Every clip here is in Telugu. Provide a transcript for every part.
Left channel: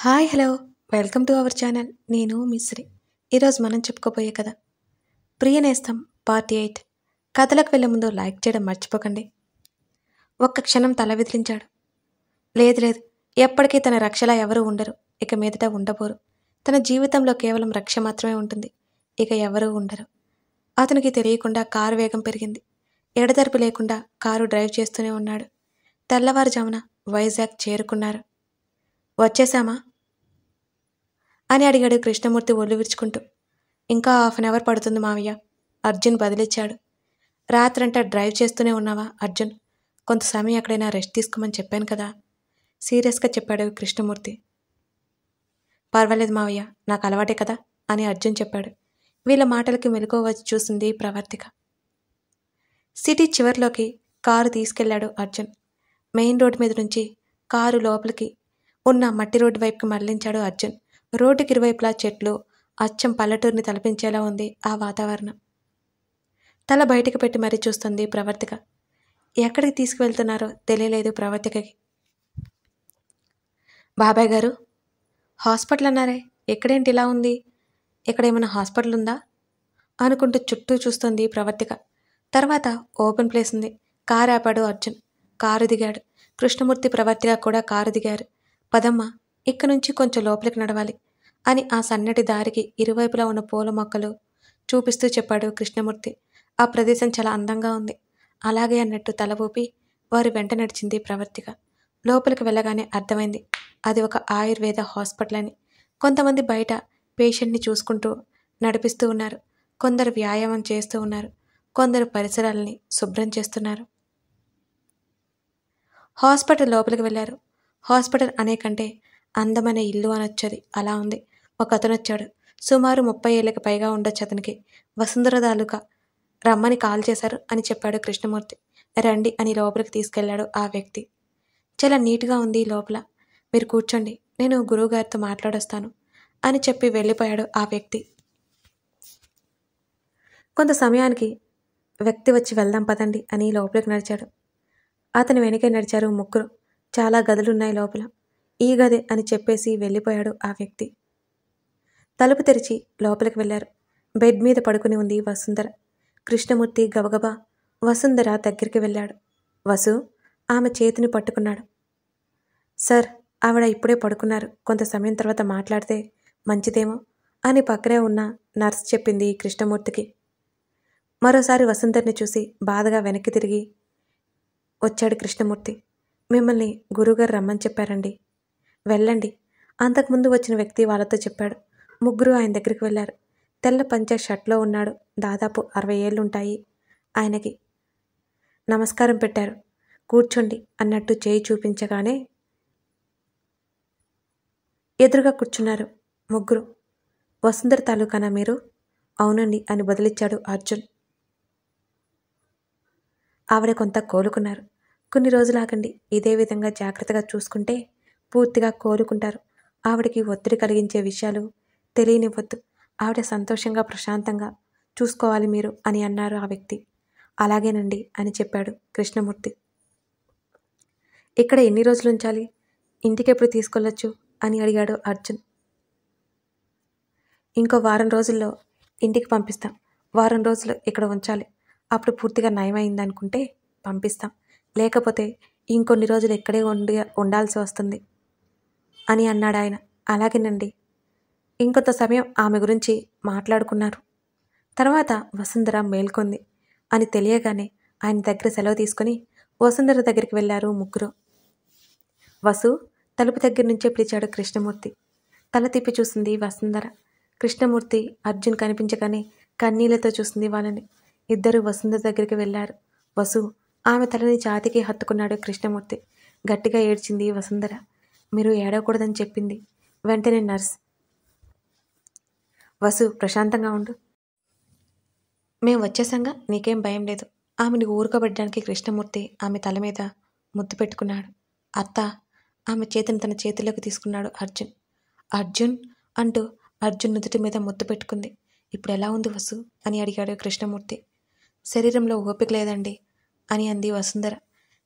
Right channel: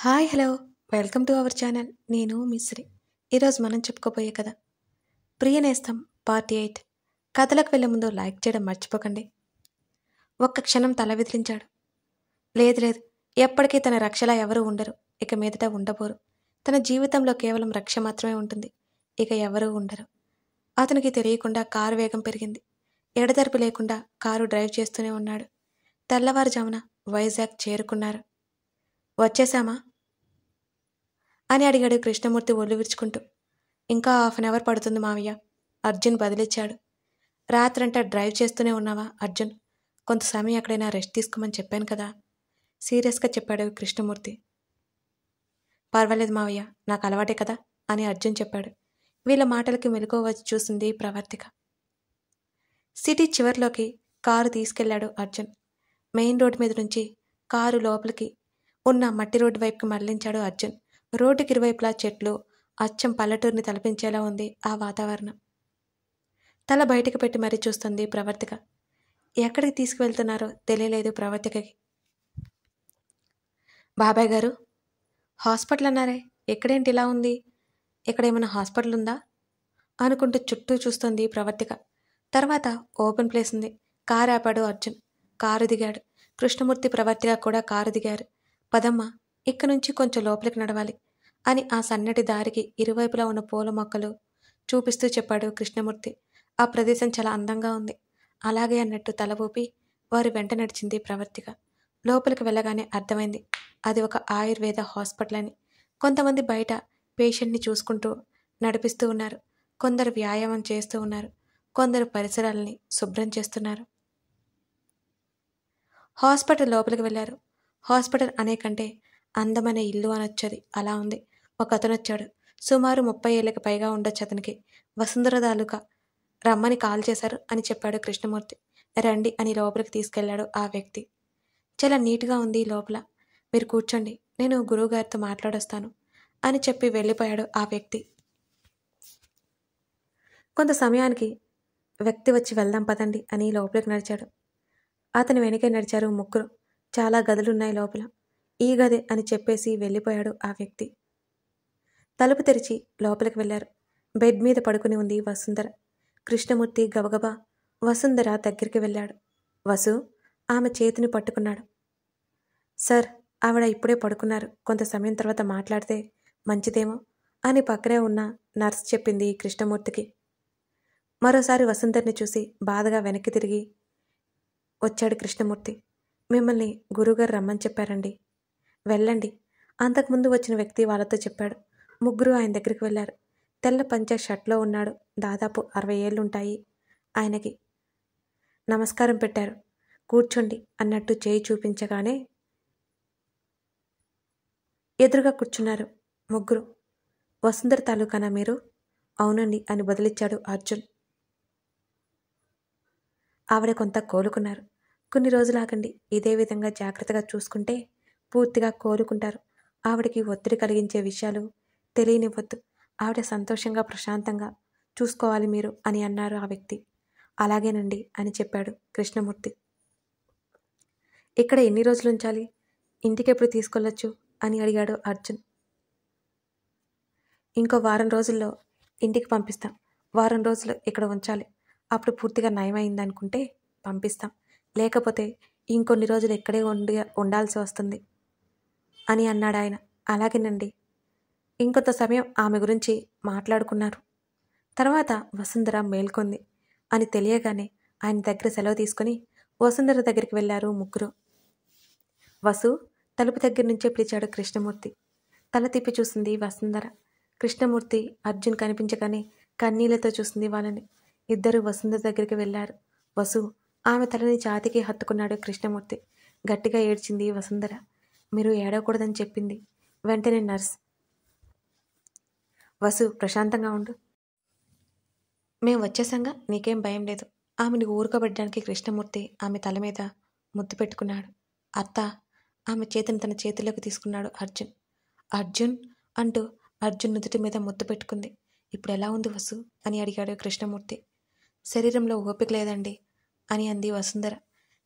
Hi hello welcome to our channel. నేను మిశ్రీ. ఈరోజు మనం చెప్పుకోబోయే కథ ప్రియ నేస్తం పార్ట్ 8. కథలకు వెళ్ళే ముందు లైక్ చేయడం మర్చిపోకండి. ఒక్క క్షణం తల విదిలించాడు. లేదు లేదు, ఎప్పటికీ తన రక్షలా ఎవరూ ఉండరు. ఇక మీదట ఉండబోరు. తన జీవితంలో కేవలం రక్ష మాత్రమే ఉంటుంది. ఇక ఎవరూ ఉండరు. అతనికి తెలియకుండా కారు వేగం పెరిగింది. ఎడతెరిపి లేకుండా కారు డ్రైవ్ చేస్తూనే ఉన్నాడు. తెల్లవారుజామున వైజాగ్ చేరుకున్నారు. వచ్చేశామా అని అడిగాడు కృష్ణమూర్తి ఒళ్ళు విరుచుకుంటూ. ఇంకా 1/2 అవర్ పడుతుంది మావయ్య, అర్జున్ బదిలిచ్చాడు. రాత్రంతా డ్రైవ్ చేస్తూనే ఉన్నావా అర్జున్? కొంత సమయం ఎక్కడైనా రెస్ట్ తీసుకోమని చెప్పాను కదా, సీరియస్గా చెప్పాడు కృష్ణమూర్తి. పర్వాలేదు మావయ్య, నాకు అలవాటే కదా అని అర్జున్ చెప్పాడు. వీళ్ళ మాటలకి మెలకువ వచ్చి చూసింది ప్రవర్తిక. సిటీ చివరిలోకి కారు తీసుకెళ్లాడు అర్జున్. మెయిన్ రోడ్డు మీద నుంచి కారు లోపలికి ఉన్న మట్టి రోడ్డు వైపుకి మళ్లించాడు అర్జున్. రోడ్డుకి ఇరువైపులా చెట్లు, అచ్చం పల్లెటూరిని తలపించేలా ఉంది ఆ వాతావరణం. తల బయటికి పెట్టి మరీ చూస్తుంది ప్రవర్తిక. ఎక్కడికి తీసుకువెళ్తున్నారో తెలియలేదు ప్రవర్తికకి. బాబాయ్ గారు, హాస్పిటల్ అన్నారే, ఎక్కడేంటి ఇలా ఉంది? ఎక్కడేమైనా హాస్పిటల్ ఉందా అనుకుంటూ చుట్టూ చూస్తుంది ప్రవర్తిక. తర్వాత ఓపెన్ ప్లేస్ ఉంది. కారు ఆపాడు అర్జున్. కారు దిగాడు. కృష్ణమూర్తి ప్రవర్తిక కూడా కారు దిగారు. పదమ్మ, ఇక్కడి నుంచి కొంచెం లోపలికి నడవాలి అని ఆ సన్నటి దారికి ఇరువైపులా ఉన్న పూల మొక్కలు చూపిస్తూ చెప్పాడు కృష్ణమూర్తి. ఆ ప్రదేశం చాలా అందంగా ఉంది. అలాగే అన్నట్టు తల ఊపి వారి వెంట నడిచింది ప్రవర్తిక. లోపలికి వెళ్ళగానే అర్థమైంది అది ఒక ఆయుర్వేద హాస్పిటల్ అని. కొంతమంది బయట పేషెంట్ని చూసుకుంటూ నడిపిస్తూ ఉన్నారు. కొందరు వ్యాయామం చేస్తూ ఉన్నారు. కొందరు పరిసరాలని శుభ్రం చేస్తున్నారు. హాస్పిటల్ లోపలికి వెళ్ళారు. హాస్పిటల్ అనే కంటే అందమైన ఇల్లు అనొచ్చది, అలా ఉంది. ఒక అతను వచ్చాడు. సుమారు 30 ఏళ్ళకి పైగా ఉండొచ్చు అతనికి. వసుంధర తాలూకా రమ్మని కాల్ చేశారు అని చెప్పాడు కృష్ణమూర్తి. రండి అని లోపలికి తీసుకెళ్లాడు ఆ వ్యక్తి. చాలా నీట్గా ఉంది లోపల, మీరు కూర్చోండి, నేను గురువుగారితో మాట్లాడొస్తాను అని చెప్పి వెళ్ళిపోయాడు ఆ వ్యక్తి. కొంత సమయానికి వ్యక్తి వచ్చి వెళ్దాం పదండి అని లోపలికి నడిచాడు. అతని వెనకే నడిచారు ముగ్గురు. చాలా గదులున్నాయి లోపల. ఈ గదే అని చెప్పేసి వెళ్ళిపోయాడు ఆ వ్యక్తి. తలుపు తెరిచి లోపలికి వెళ్ళారు. బెడ్ మీద పడుకుని ఉంది వసుంధర. కృష్ణమూర్తి గబగబా వసుంధర దగ్గరికి వెళ్ళాడు. వసు ఆమె చేతిని పట్టుకున్నాడు. సార్, ఆవిడ ఇప్పుడే పడుకున్నారు, కొంత సమయం తర్వాత మాట్లాడితే మంచిదేమో అని పక్కనే ఉన్న నర్స్ చెప్పింది కృష్ణమూర్తికి. మరోసారి వసుంధరని చూసి బాధగా వెనక్కి తిరిగి వచ్చాడు కృష్ణమూర్తి. మిమ్మల్ని గురువుగారు రమ్మని చెప్పారండి, వెళ్ళండి. అంతకుముందు వచ్చిన వ్యక్తి వాళ్ళతో చెప్పాడు. ముగ్గురు ఆయన దగ్గరికి వెళ్ళారు. తెల్ల పంచ షర్ట్లో ఉన్నాడు. దాదాపు 60 ఏళ్ళుంటాయి ఆయనకి. నమస్కారం పెట్టారు. కూర్చోండి అన్నట్టు చేయి చూపించగానే ఎదురుగా కూర్చున్నారు ముగ్గురు. వసుంధర తాలూకానా మీరు? అవునండి అని బదులిచ్చాడు అర్జున్. ఆవిడ కొంత కోలుకున్నారు. కొన్ని రోజులాగండి, ఇదే విధంగా జాగ్రత్తగా చూసుకుంటే పూర్తిగా కోలుకుంటారు. ఆవిడకి ఒత్తిడి కలిగించే విషయాలు తెలియనివ్వద్దు. ఆవిడ సంతోషంగా ప్రశాంతంగా చూసుకోవాలి మీరు అని అన్నారు ఆ వ్యక్తి. అలాగేనండి అని చెప్పాడు కృష్ణమూర్తి. ఇక్కడ ఎన్ని రోజులు ఉంచాలి? ఇంటికెప్పుడు తీసుకెళ్ళొచ్చు అని అడిగాడు అర్జున్. ఇంకో 1 వారం రోజుల్లో ఇంటికి పంపిస్తాం. 1 వారం రోజులు ఇక్కడ ఉంచాలి. అప్పుడు పూర్తిగా నయమైందనుకుంటే పంపిస్తాం. లేకపోతే ఇంకొన్ని రోజులు ఇక్కడే ఉండాల్సి వస్తుంది అని అన్నాడు ఆయన. అలాగేనండి. ఇంకొంత సమయం ఆమె గురించి మాట్లాడుకున్నారు. తర్వాత వసుంధర మేల్కొంది అని తెలియగానే ఆయన దగ్గర సెలవు తీసుకుని వసుంధర దగ్గరికి వెళ్ళారు ముగ్గురు. వసు తలుపు దగ్గర నుంచే పిలిచాడు కృష్ణమూర్తి. తల తిప్పి చూసింది వసుంధర. కృష్ణమూర్తి అర్జున్ కనిపించగానే కన్నీళ్లతో చూసింది వాళ్ళని. ఇద్దరు వసుంధర దగ్గరికి వెళ్ళారు. వసు ఆమె తలని ఛాతీకి హత్తుకున్నాడు కృష్ణమూర్తి. గట్టిగా ఏడ్చింది వసుంధర. మీరు ఏడవకూడదని చెప్పింది వెంటనే నర్స్. వసు ప్రశాంతంగా ఉండు, మేము వచ్చేసాంగా, నీకేం భయం లేదు. ఆమెను ఊరుకోబెట్టడానికి కృష్ణమూర్తి ఆమె తల మీద ముద్దు పెట్టుకున్నాడు. అత్త ఆమె చేతిని తన చేతిలోకి తీసుకున్నాడు అర్జున్. అర్జున్ అంటూ అర్జున్ నుదుటి మీద ముద్దు పెట్టుకుంది. ఇప్పుడు ఎలా ఉంది వసు అని అడిగాడు కృష్ణమూర్తి. శరీరంలో ఓపిక లేదండి అని అంది వసుంధర.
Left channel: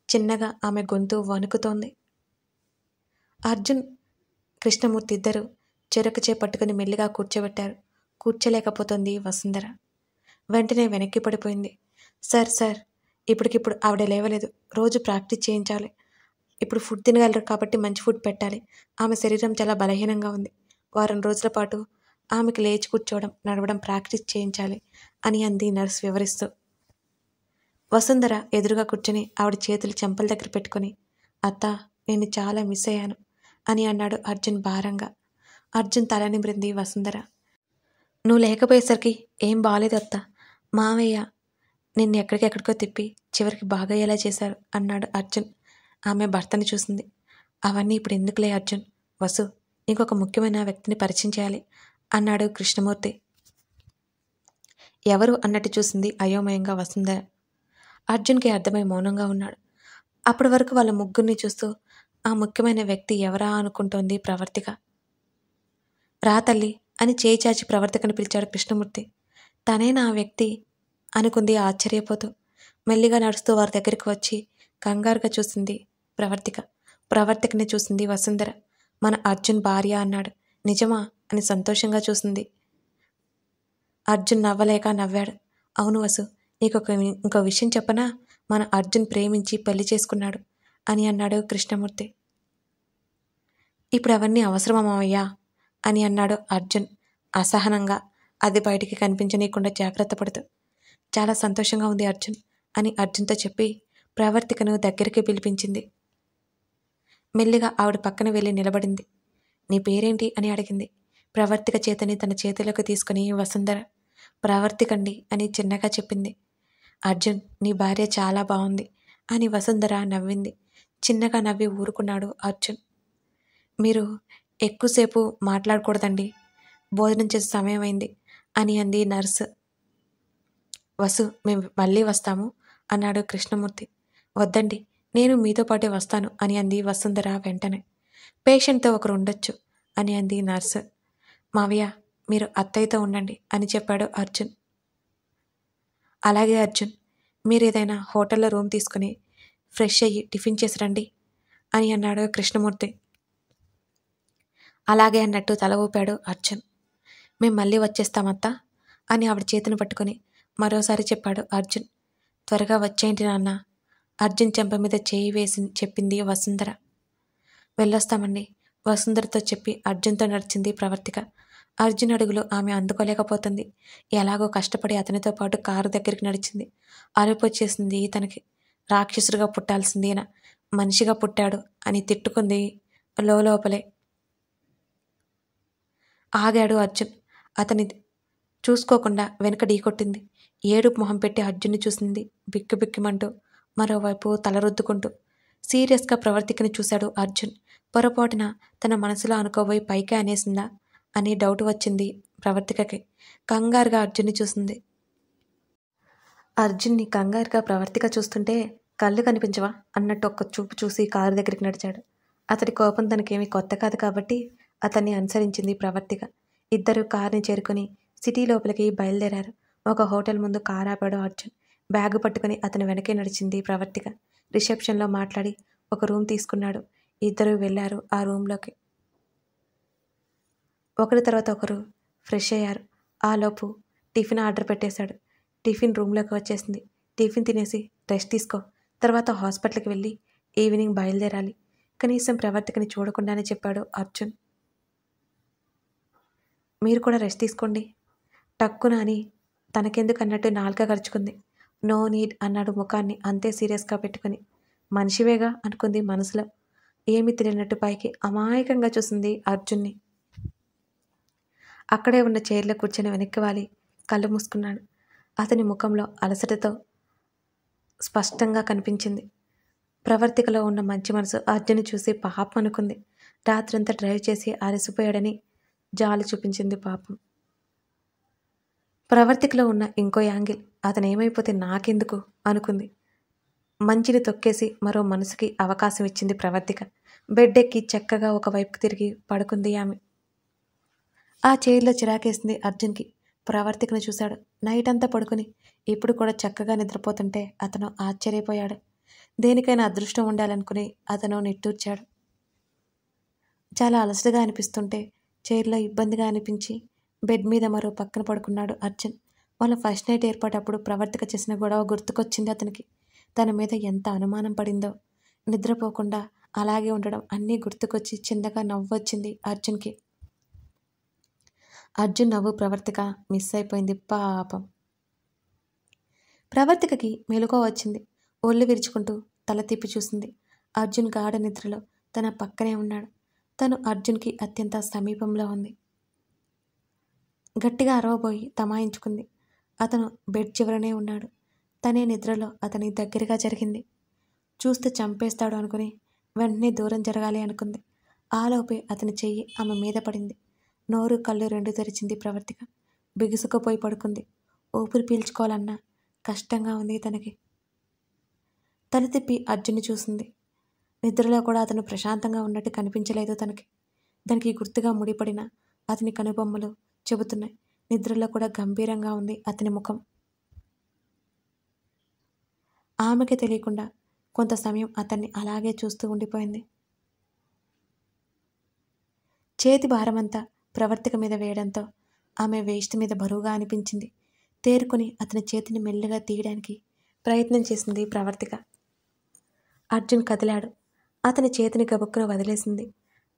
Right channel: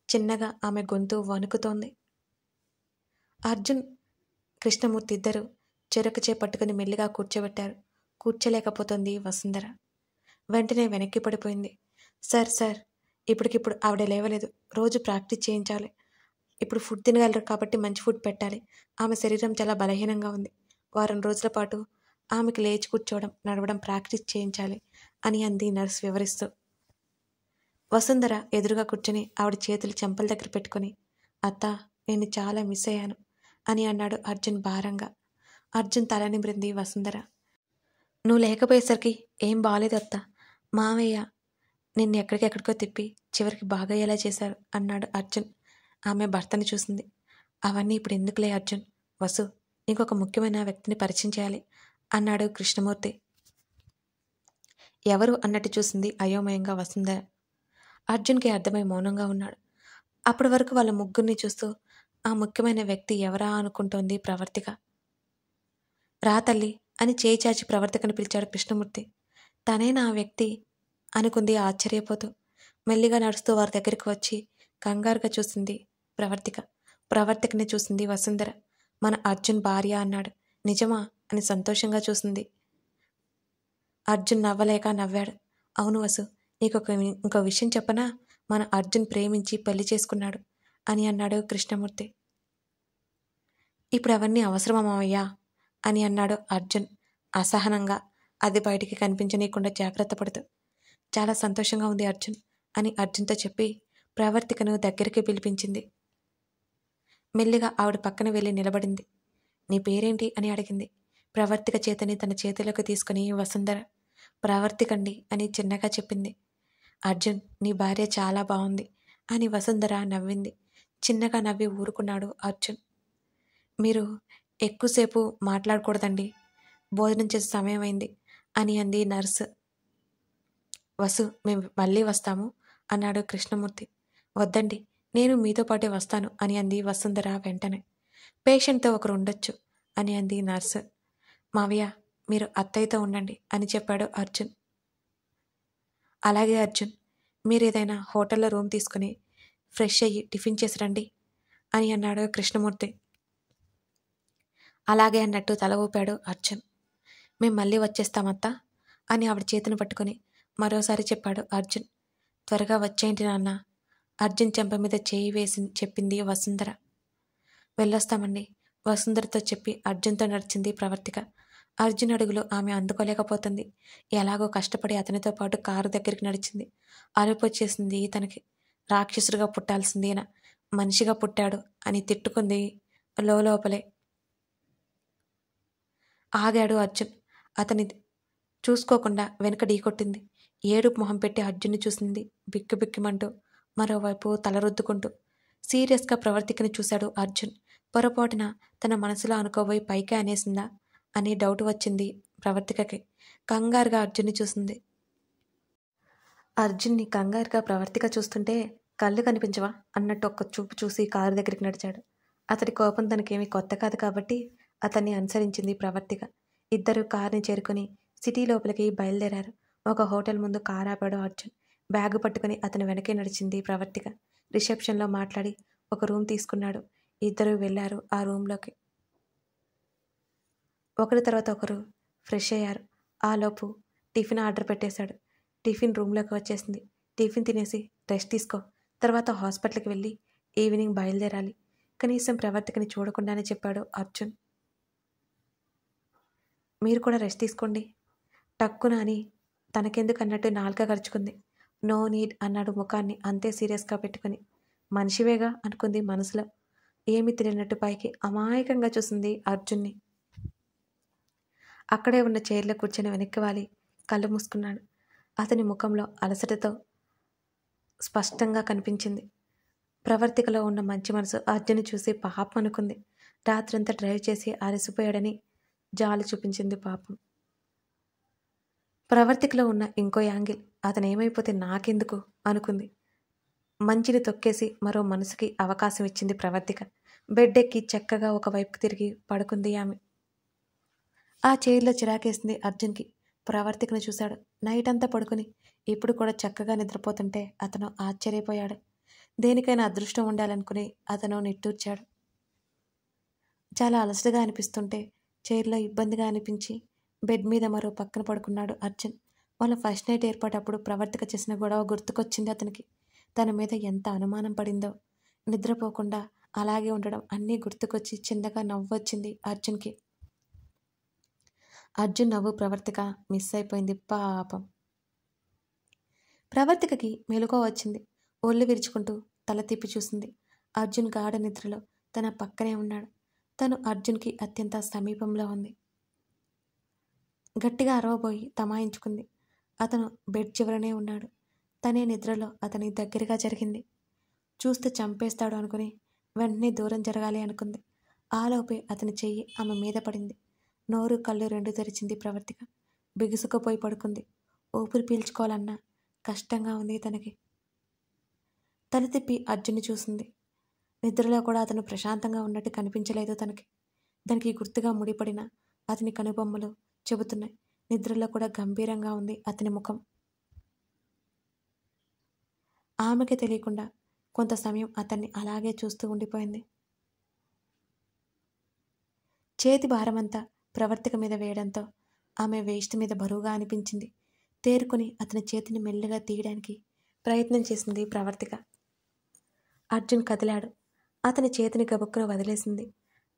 చిన్నగా ఆమె గొంతు వణుకుతోంది. అర్జున్ కృష్ణమూర్తి ఇద్దరు చెరొక చే పట్టుకుని మెల్లిగా కూర్చోబెట్టారు. కూర్చోలేకపోతుంది వసుంధర. వెంటనే వెనక్కి పడిపోయింది. సార్ సార్, ఇప్పటికిప్పుడు ఆవిడ లేవలేదు. రోజు ప్రాక్టీస్ చేయించాలి. ఇప్పుడు ఫుడ్ తినగలరు కాబట్టి మంచి ఫుడ్ పెట్టాలి. ఆమె శరీరం చాలా బలహీనంగా ఉంది. వారం రోజుల పాటు ఆమెకి లేచి కూర్చోవడం, నడవడం ప్రాక్టీస్ చేయించాలి అని అంది నర్స్ వివరిస్తూ. వసుంధర ఎదురుగా కూర్చుని ఆవిడ చేతులు చెంపల దగ్గర పెట్టుకుని, అత్త, నేను చాలా మిస్ అయ్యాను అని అన్నాడు అర్జున్ భారంగా. అర్జున్ తల నిమిరింది వసుంధర. నువ్వు లేకపోయేసరికి ఏం బాగాలేదు అత్త. మావయ్య నిన్ను ఎక్కడికెక్కడికో తిప్పి చివరికి బాగయ్యేలా చేశారు అన్నాడు అర్జున్. ఆమె భర్తని చూసింది. అవన్నీ ఇప్పుడు ఎందుకులే అర్జున్. వసు, ఇంకొక ముఖ్యమైన వ్యక్తిని పరిచయం చేయాలి అన్నాడు కృష్ణమూర్తి. ఎవరు అన్నట్టు చూసింది అయోమయంగా వసుంధర. అర్జున్కి అర్థమై మౌనంగా ఉన్నాడు. అప్పటి వరకు వాళ్ళ ముగ్గురిని చూస్తూ ఆ ముఖ్యమైన వ్యక్తి ఎవరా అనుకుంటోంది ప్రవర్తిక. రా తల్లి అని చేయి చాచి ప్రవర్తికను పిలిచాడు కృష్ణమూర్తి. తనేనా ఆ వ్యక్తి అనుకుంది ఆశ్చర్యపోతూ. మెల్లిగా నడుస్తూ వారి దగ్గరికి వచ్చి కంగారుగా చూసింది ప్రవర్తిక. ప్రవర్తికని చూసింది వసుంధర. మన అర్జున్ భార్య అన్నాడు. నిజమా అని సంతోషంగా చూసింది. అర్జున్ నవ్వలేక నవ్వాడు. అవును వసు, నీకు ఇంకో విషయం చెప్పనా? మన అర్జున్ ప్రేమించి పెళ్లి చేసుకున్నాడు అని అన్నాడు కృష్ణమూర్తి. ఇప్పుడు అవన్నీ అవసరమా మావయ్యా అని అన్నాడు అర్జున్ అసహనంగా, అది బయటికి కనిపించనీయకుండా జాగ్రత్త పడుతూ. చాలా సంతోషంగా ఉంది అర్జున్ అని అర్జున్తో చెప్పి ప్రవర్తికను దగ్గరికి పిలిపించింది. మెల్లిగా ఆవిడ పక్కన వెళ్ళి నిలబడింది. నీ పేరేంటి అని అడిగింది. ప్రవర్తిక చేతని తన చేతిలోకి తీసుకుని వసుంధర ప్రవర్తికండి అని చిన్నగా చెప్పింది. అర్జున్, నీ భార్య చాలా బాగుంది అని వసుంధర నవ్వింది. చిన్నగా నవ్వి ఊరుకున్నాడు అర్జున్. మీరు ఎక్కువసేపు మాట్లాడకూడదండి, భోజనం చేసే సమయం అయింది అని అంది నర్సు. వసు, మేము మళ్ళీ వస్తాము అన్నాడు కృష్ణమూర్తి. వద్దండి, నేను మీతో పాటే వస్తాను అని అంది వసుంధర వెంటనే. పేషెంట్తో ఒకరు ఉండొచ్చు అని అంది నర్సు. మావయ్య, మీరు అత్తయ్యతో ఉండండి అని చెప్పాడు అర్జున్. అలాగే అర్జున్, మీరు ఏదైనా హోటల్లో రూమ్ తీసుకుని ఫ్రెష్ అయ్యి టిఫిన్ చేసి రండి అని అన్నాడు కృష్ణమూర్తి. అలాగే అన్నట్టు తల ఊపాడు అర్జున్. మేము మళ్ళీ వచ్చేస్తామత్తా అని ఆవిడ చేతిని పట్టుకుని మరోసారి చెప్పాడు అర్జున్. త్వరగా వచ్చేయండి నాన్న, అర్జున్ చెంప మీద చేయి వేసి చెప్పింది వసుంధర. వెళ్ళొస్తామండి వసుంధరతో చెప్పి అర్జున్తో నడిచింది ప్రవర్తిక. అర్జున్ అడుగులు ఆమె అందుకోలేకపోతుంది. ఎలాగో కష్టపడి అతనితో పాటు కారు దగ్గరికి నడిచింది. అలుపు వచ్చేసింది తనకి. రాక్షసుడిగా పుట్టాల్సింది ఈయన మనిషిగా పుట్టాడు అని తిట్టుకుంది లోపలే. ఆగాడు అర్జున్. అతని చూసుకోకుండా వెనుక ఢీకొట్టింది. ఏడుపు మొహం పెట్టి అర్జున్ని చూసింది బిక్కు బిక్కుమంటూ, మరోవైపు తలరుద్దుకుంటూ. సీరియస్గా ప్రవర్తికని చూశాడు అర్జున్. పొరపాటున తన మనసులో అనుకోబోయి పైకే అనేసిందా అని డౌట్ వచ్చింది ప్రవర్తికకి. కంగారుగా అర్జున్ని చూసింది. అర్జున్ని కంగారుగా ప్రవర్తిక చూస్తుంటే కళ్ళు కనిపించవా అన్నట్టు ఒక్క చూపు చూసి కారు దగ్గరికి నడిచాడు. అతడి కోపం తనకేమీ కొత్త కాదు కాబట్టి అతన్ని అనుసరించింది ప్రవర్తిక. ఇద్దరు కారుని చేరుకుని సిటీ లోపలికి బయలుదేరారు. ఒక హోటల్ ముందు కారు ఆపాడు అర్జున్. బ్యాగు పట్టుకుని అతని వెనకే నడిచింది ప్రవర్తిక. రిసెప్షన్లో మాట్లాడి ఒక రూమ్ తీసుకున్నాడు. ఇద్దరు వెళ్ళారు ఆ రూమ్లోకి. ఒకరి తర్వాత ఒకరు ఫ్రెష్ అయ్యారు. ఆలోపు టిఫిన్ ఆర్డర్ పెట్టేశాడు. టిఫిన్ రూమ్లోకి వచ్చేసింది. టిఫిన్ తినేసి రెస్ట్ తీసుకో, తర్వాత హాస్పిటల్కి వెళ్ళి ఈవినింగ్ బయలుదేరాలి. కనీసం ప్రవర్తికని చూడకుండానే చెప్పాడు అర్జున్. మీరు కూడా రెస్ట్ తీసుకోండి టక్కున అని తనకెందుకు అన్నట్టు నాలుక గరుచుకుంది. నో నీడ్ అన్నాడు ముఖాన్ని అంతే సీరియస్గా పెట్టుకుని. మనిషివేగా అనుకుంది మనసులో. ఏమీ తెలియనట్టు పైకి అమాయకంగా చూసింది అర్జున్ని. అక్కడే ఉన్న చైర్లో కూర్చొని వెనక్కి వాలి కళ్ళు మూసుకున్నాడు. అతని ముఖంలో అలసటతో స్పష్టంగా కనిపించింది. ప్రవర్తికలో ఉన్న మంచి మనసు అర్జున్ని చూసి పాపం అనుకుంది. రాత్రంతా డ్రైవ్ చేసి అలసిపోయాడని జాలి చూపించింది పాపం. ప్రవర్తికలో ఉన్న ఇంకో యాంగిల్, అతను ఏమైపోతే నాకెందుకు అనుకుంది. మంచిని తొక్కేసి మరో మనసుకి అవకాశం ఇచ్చింది ప్రవర్తిక. బెడ్ ఎక్కి చక్కగా ఒకవైపుకి తిరిగి పడుకుంది ఆమె. ఆ చైర్లో చిరాకేసింది అర్జున్కి. ప్రవర్తికను చూశాడు. నైట్ అంతా పడుకుని ఇప్పుడు కూడా చక్కగా నిద్రపోతుంటే అతను ఆశ్చర్యపోయాడు. దేనికైనా అదృష్టం ఉండాలనుకుని అతను నిట్టూర్చాడు. చాలా అలసటగా అనిపిస్తుంటే చైర్లో ఇబ్బందిగా అనిపించి బెడ్ మీద మరో పక్కన పడుకున్నాడు అర్జున్. వాళ్ళ ఫస్ట్ నైట్ ఏర్పాటప్పుడు ప్రవర్తిక చేసిన గొడవ గుర్తుకొచ్చింది అతనికి. తన మీద ఎంత అనుమానం పడిందో. నిద్రపోకుండా అలాగే ఉండడం అన్నీ గుర్తుకొచ్చి చిన్నగా నవ్వు వచ్చింది అర్జున్కి. అర్జున్ నవ్వు ప్రవర్తిక మిస్ అయిపోయింది పాపం. ప్రవర్తికకి మెలకువ వచ్చింది. ఒళ్ళు విరుచుకుంటూ తల తిప్పి చూసింది. అర్జున్ గాఢ నిద్రలో తన పక్కనే ఉన్నాడు. తను అర్జున్కి అత్యంత సమీపంలో ఉంది. గట్టిగా అరవబోయి తమాయించుకుంది. అతను బెడ్ చివరనే ఉన్నాడు. తనే నిద్రలో అతని దగ్గరగా జరిగింది. చూస్తే చంపేస్తాడు అనుకుని వెంటనే దూరం జరగాలి అనుకుంది. ఆలోపే అతని చెయ్యి ఆమె మీద పడింది. నోరు కళ్ళు రెండు తెరిచింది ప్రవర్తిక. బిగుసుకుపోయి పడుకుంది. ఊపిరి పీల్చుకోవాలన్నా కష్టంగా ఉంది తనకి. తల తిప్పి అర్జున్ని చూసింది. నిద్రలో కూడా అతను ప్రశాంతంగా ఉన్నట్టు కనిపించలేదు తనకి. దానికి గుర్తుగా ముడిపడిన అతని కనుబొమ్మలు చెబుతున్నాయి. నిద్రలో కూడా గంభీరంగా ఉంది అతని ముఖం. ఆమెకి తెలియకుండా కొంత సమయం అతన్ని అలాగే చూస్తూ ఉండిపోయింది. చేతి భారమంతా ప్రవర్తిక మీద వేయడంతో ఆమె వేస్ట్ మీద బరువుగా అనిపించింది. తేరుకొని అతని చేతిని మెల్లగా తీయడానికి ప్రయత్నం చేసింది ప్రవర్తిక. అర్జున్ కదిలాడు. అతని చేతిని గబుక్కున వదిలేసింది.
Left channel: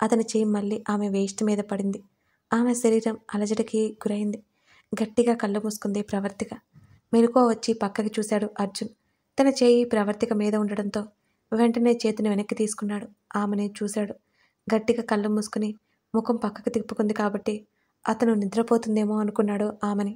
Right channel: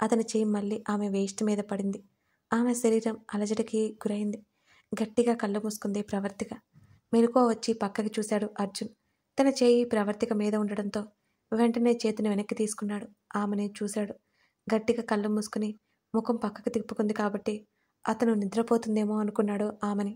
అతని చేయి మళ్ళీ ఆమె వేస్ట్ మీద పడింది. ఆమె శరీరం అలజడికి గురైంది. గట్టిగా కళ్ళు మూసుకుంది ప్రవర్తిక. మెలకువ వచ్చి పక్కకి చూశాడు అర్జున్. తన చేయి ప్రవర్తిక మీద ఉండడంతో వెంటనే చేతిని వెనక్కి తీసుకున్నాడు. ఆమెని చూశాడు. గట్టిగా కళ్ళు మూసుకుని ముఖం పక్కకు తిప్పుకుంది కాబట్టి అతను నిద్రపోతుందేమో అనుకున్నాడు ఆమెని.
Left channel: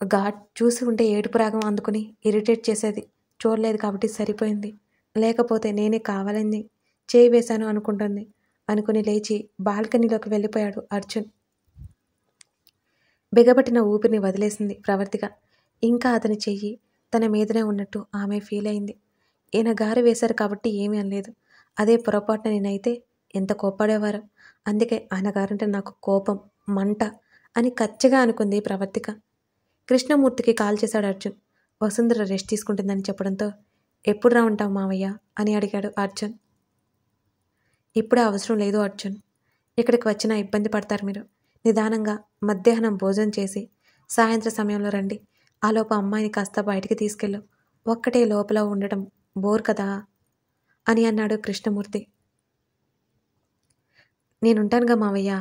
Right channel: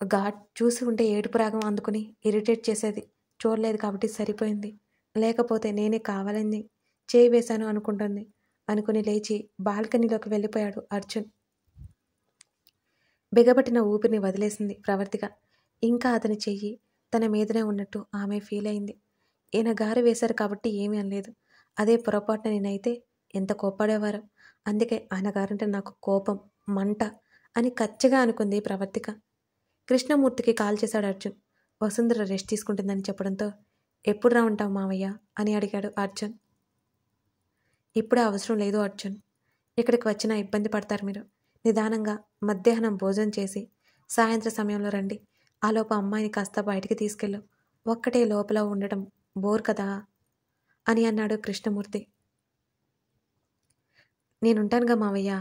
ఘాట్ చూసి ఉంటే ఏడుపు రాగం అందుకుని ఇరిటేట్ చేసేది. చూడలేదు కాబట్టి సరిపోయింది. లేకపోతే నేనే కావాలని చేయి వేశాను అనుకుంటుంది అనుకుని లేచి బాల్కనీలోకి వెళ్ళిపోయాడు అర్జున్. బిగబట్టిన ఊపిరిని వదిలేసింది ప్రవర్తిక. ఇంకా అతని చెయ్యి తన మీదనే ఉన్నట్టు ఆమె ఫీల్ అయింది. ఈయన గారు వేశారు కాబట్టి ఏమీ అనలేదు. అదే పొరపాటున నేనైతే ఎంత కోప్పడేవారు. అందుకే ఆయన గారంటే నాకు కోపం, మంట అని కచ్చిగా అనుకుంది ప్రవర్తిక. కృష్ణమూర్తికి కాల్ చేశాడు అర్జున్. వసుంధర రెస్ట్ తీసుకుంటుందని చెప్పడంతో ఎప్పుడు రా ఉంటావు మావయ్య అని అడిగాడు అర్జున్. ఇప్పుడే అవసరం లేదు అర్జున్. ఇక్కడికి వచ్చినా ఇబ్బంది పడతారు మీరు. నిదానంగా మధ్యాహ్నం భోజనం చేసి సాయంత్రం సమయంలో రండి. ఆలోపు అమ్మాయిని కాస్త బయటికి తీసుకెళ్ళు. ఒక్కటే లోపల ఉండడం బోర్ కదా అని అన్నాడు కృష్ణమూర్తి. నేనుంటానుగా మావయ్య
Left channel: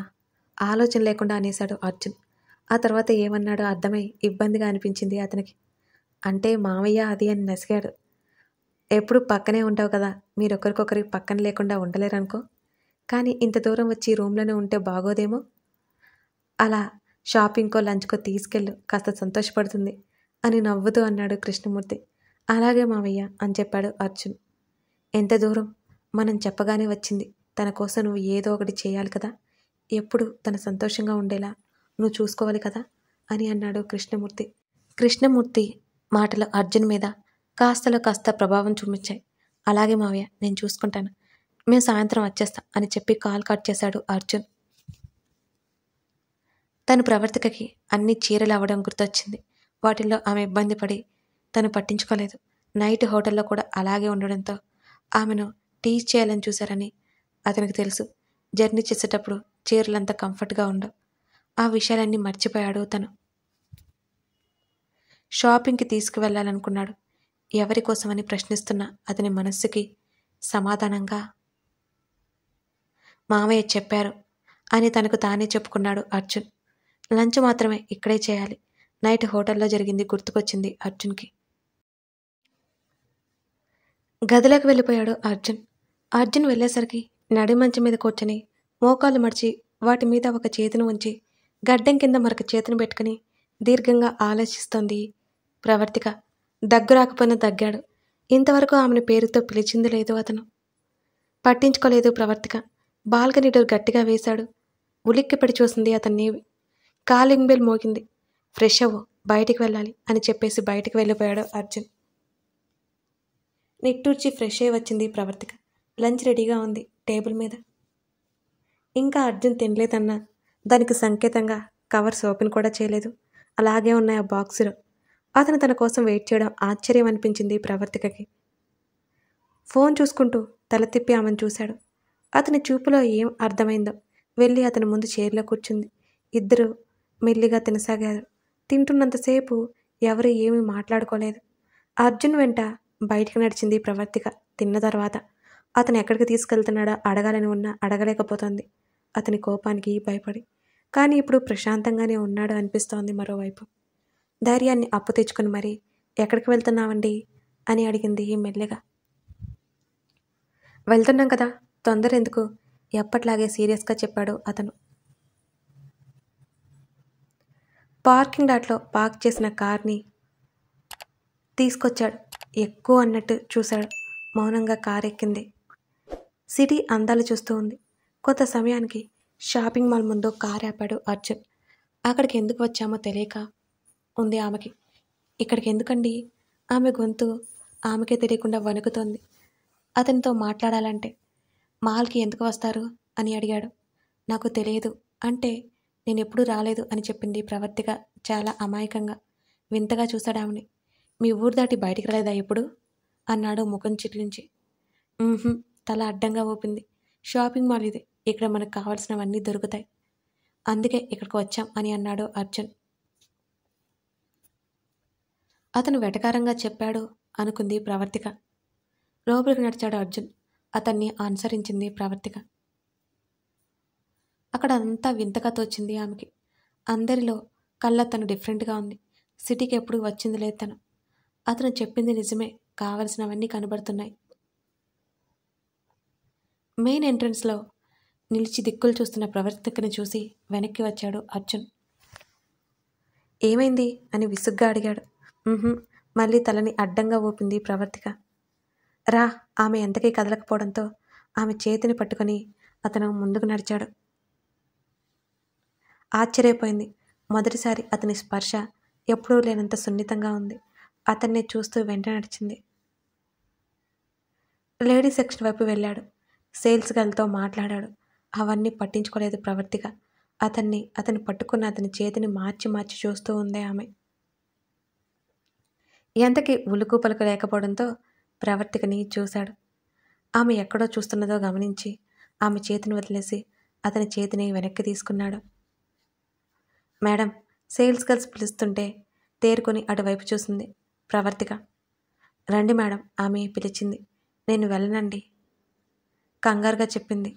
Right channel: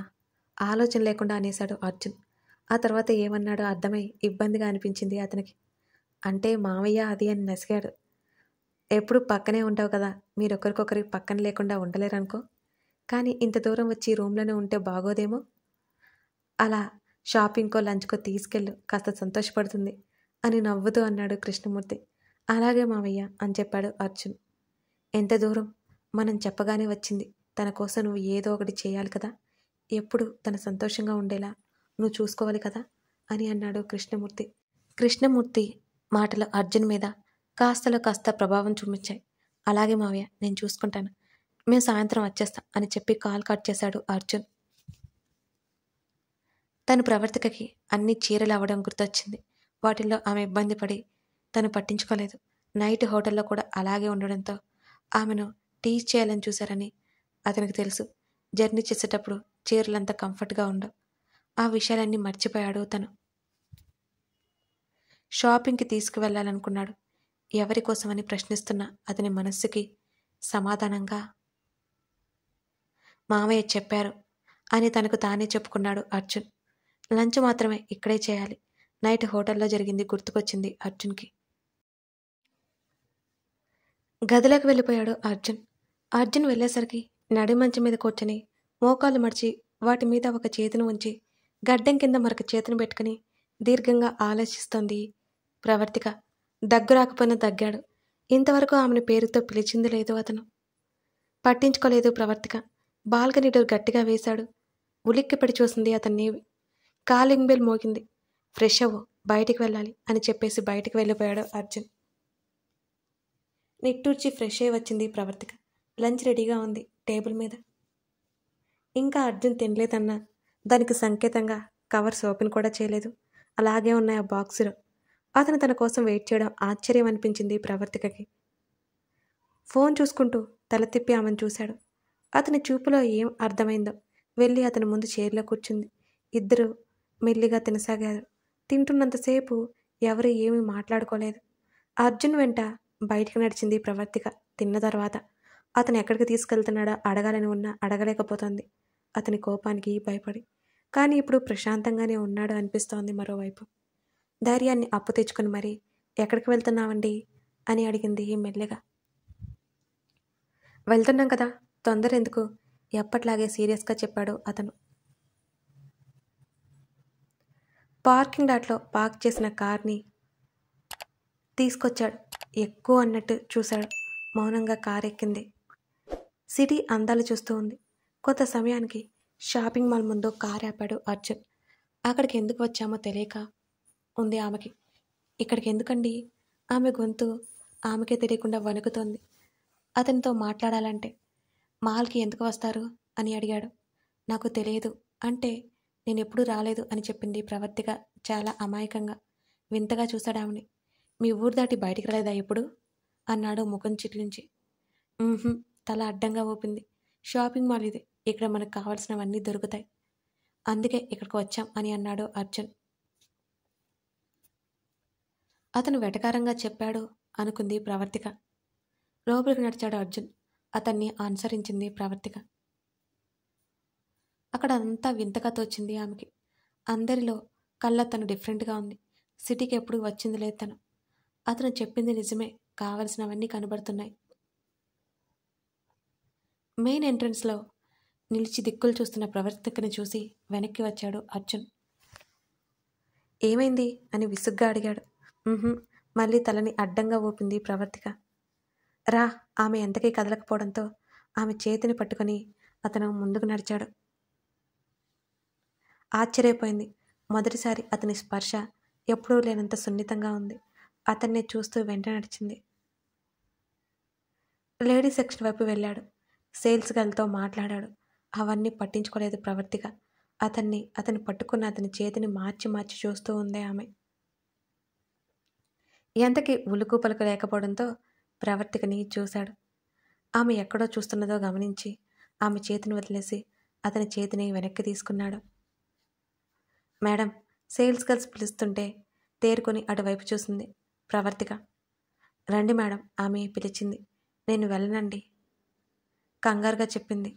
ఆలోచన లేకుండా అనేశాడు అర్జున్. ఆ తర్వాత ఏమన్నాడో అర్థమై ఇబ్బందిగా అనిపించింది అతనికి. అంటే మావయ్య అది అని నసిగాడు. ఎప్పుడు పక్కనే ఉంటావు కదా, మీరొకరికొకరి పక్కన లేకుండా ఉండలేరనుకో. కానీ ఇంత దూరం వచ్చి రూమ్లోనే ఉంటే బాగోదేమో. అలా షాపింగ్కో లంచ్కో తీసుకెళ్ళు, కాస్త సంతోషపడుతుంది అని నవ్వుతూ అన్నాడు కృష్ణమూర్తి. అలాగే మావయ్య అని చెప్పాడు అర్జున్. ఎంత దూరం మనం చెప్పగానే వచ్చింది. తన కోసం నువ్వు ఏదో ఒకటి చేయాలి కదా. ఎప్పుడు తన సంతోషంగా ఉండేలా నువ్వు చూసుకోవాలి కదా అని అన్నాడు కృష్ణమూర్తి. కృష్ణమూర్తి మాటలు అర్జున్ మీద కాస్తలో కాస్త ప్రభావం చూపించాయి. అలాగే మావయ్య, నేను చూసుకుంటాను. మేము సాయంత్రం వచ్చేస్తాం అని చెప్పి కాల్ కట్ చేశాడు అర్జున్. తను ప్రవర్తికకి అన్ని చీరలు అవ్వడం గుర్తొచ్చింది. వాటిల్లో ఆమె ఇబ్బంది పడి తను పట్టించుకోలేదు. నైట్ హోటల్లో కూడా అలాగే ఉండడంతో ఆమెను టీచ్ చేయాలని చూశారని అతనికి తెలుసు. జర్నీ చేసేటప్పుడు చీరలంతా కంఫర్ట్గా ఉండవు. ఆ విషయాలన్నీ మర్చిపోయాడు తను. షాపింగ్కి తీసుకువెళ్ళాలనుకున్నాడు. ఎవరి కోసమని ప్రశ్నిస్తున్న అతని మనస్సుకి సమాధానంగా మామయ్య చెప్పారు అని తనకు తానే చెప్పుకున్నాడు అర్జున్. లంచ్ మాత్రమే ఇక్కడే చేయాలి. నైట్ హోటల్లో జరిగింది గుర్తుకొచ్చింది అర్జున్కి. గదిలోకి వెళ్ళిపోయాడు అర్జున్. అర్జున్ వెళ్ళేసరికి నడి మంచం మీద కూర్చొని మోకాలు మడిచి వాటి మీద ఒక చేతిని ఉంచి గడ్డం కింద మరొక చేతిని పెట్టుకుని దీర్ఘంగా ఆలోచిస్తోంది ప్రవర్తిక. దగ్గు రాకపోయినా దగ్గాడు. ఇంతవరకు ఆమెను పేరుతో పిలిచింది లేదు అతను. పట్టించుకోలేదు ప్రవర్తిక. బాల్కనీ డోర్ గట్టిగా వేశాడు. ఉలిక్కిపడి చూసింది అతన్ని. కాలింగ్ బెల్ మోగింది. ఫ్రెష్ అవ్వు, బయటికి వెళ్ళాలి అని చెప్పేసి బయటికి వెళ్ళిపోయాడు అర్జున్. నిట్టూర్చి ఫ్రెష్ అయ్యి వచ్చింది ప్రవర్తిక. లంచ్ రెడీగా ఉంది టేబుల్ మీద. ఇంకా అర్జున్ తినలేదన్నా దానికి సంకేతంగా కవర్స్ ఓపెన్ కూడా చేయలేదు. అలాగే ఉన్నాయి ఆ బాక్సులో. అతను తన కోసం వెయిట్ చేయడం ఆశ్చర్యం అనిపించింది ప్రవర్తికకి. ఫోన్ చూసుకుంటూ తల తిప్పి ఆమెను చూశాడు. అతని చూపులో ఏం అర్థమైందో వెళ్ళి అతని ముందు చైర్లో కూర్చుంది. ఇద్దరు మెల్లిగా తినసాగారు. తింటున్నంతసేపు ఎవరు ఏమీ మాట్లాడుకోలేదు. అర్జున్ వెంట బయటికి నడిచింది ప్రవర్తిక. తిన్న తర్వాత అతను ఎక్కడికి తీసుకెళ్తున్నాడో అడగాలని ఉన్నా అడగలేకపోతోంది, అతని కోపానికి భయపడి. కానీ ఇప్పుడు ప్రశాంతంగానే ఉన్నాడు అనిపిస్తోంది. మరోవైపు ధైర్యాన్ని అప్పు తెచ్చుకుని మరీ ఎక్కడికి వెళ్తున్నావండి అని అడిగింది మెల్లిగా. వెళ్తున్నాం కదా, తొందర ఎందుకు, ఎప్పట్లాగే సీరియస్గా చెప్పాడు అతను. పార్కింగ్ లాట్లో పార్క్ చేసిన కార్ని తీసుకొచ్చాడు. ఎక్కువ అన్నట్టు చూశాడు. మౌనంగా కారు ఎక్కింది. సిటీ అందాలు చూస్తూ ఉంది. కొంత సమయానికి షాపింగ్ మాల్ ముందు కారు ఆపాడు అర్జున్. అక్కడికి ఎందుకు వచ్చామో తెలియక ఉంది ఆమెకి. ఇక్కడికి ఎందుకండి? ఆమె గొంతు ఆమెకే తెలియకుండా వణుకుతోంది. అతనితో మాట్లాడాలంటే. మాల్కి ఎందుకు వస్తారు అని అడిగాడు. నాకు తెలియదు అంటే నేను ఎప్పుడూ రాలేదు అని చెప్పింది ప్రవర్తిక చాలా అమాయకంగా. వింతగా చూశాడు ఆమెని. మీ ఊరు దాటి బయటికి రాలేదా ఇప్పుడు అన్నాడు ముఖం చిట్లించి. తల అడ్డంగా ఊపింది. షాపింగ్ మాల్ ఇది, ఇక్కడ మనకు కావాల్సినవన్నీ దొరుకుతాయి, అందుకే ఇక్కడికి వచ్చాం అని అన్నాడు అర్జున్. అతను వెటకారంగా చెప్పాడు అనుకుంది ప్రవర్తిక. లోపలికి నడిచాడు అర్జున్. అతన్ని అనుసరించింది ప్రవర్తిక. అక్కడ అంతా వింతగా తోచింది ఆమెకి. అందరిలో కళ్ళ తను డిఫరెంట్గా ఉంది. సిటీకి ఎప్పుడు వచ్చింది లేదు తను. అతను చెప్పింది నిజమే, కావలసినవన్నీ కనబడుతున్నాయి. మెయిన్ ఎంట్రన్స్లో నిలిచి దిక్కులు చూస్తున్న ప్రవర్తికని చూసి వెనక్కి వచ్చాడు అర్జున్. ఏమైంది అని విసుగ్గా అడిగాడు. మళ్ళీ తలని అడ్డంగా ఊపింది ప్రవర్తిక. రా. ఆమె ఎంతకీ కదలకపోవడంతో ఆమె చేతిని పట్టుకొని అతను ముందుకు నడిచాడు. ఆశ్చర్యపోయింది. మొదటిసారి అతని స్పర్శ ఎప్పుడూ లేనంత సున్నితంగా ఉంది. అతన్ని చూస్తూ వెంట నడిచింది. లేడీ సెక్షన్ వైపు వెళ్ళాడు. సేల్స్ గర్ల్తో మాట్లాడాడు. అవన్నీ పట్టించుకోలేదు ప్రవర్తిక. అతన్ని పట్టుకున్న అతని చేతిని మార్చి మార్చి చూస్తూ ఉంది ఆమె. ఎంతకీ ఉలుకు పలుకు లేకపోవడంతో ప్రవర్తికని చూశాడు. ఆమె ఎక్కడో చూస్తున్నదో గమనించి ఆమె చేతిని వదిలేసి అతని చేతిని వెనక్కి తీసుకున్నాడు. మేడం, సేల్స్ గర్ల్స్ పిలుస్తుంటే తేరుకొని అటువైపు చూసింది ప్రవర్తిక. రండి మేడం, ఆమె పిలిచింది. నేను వెళ్ళనండి కంగారుగా చెప్పింది.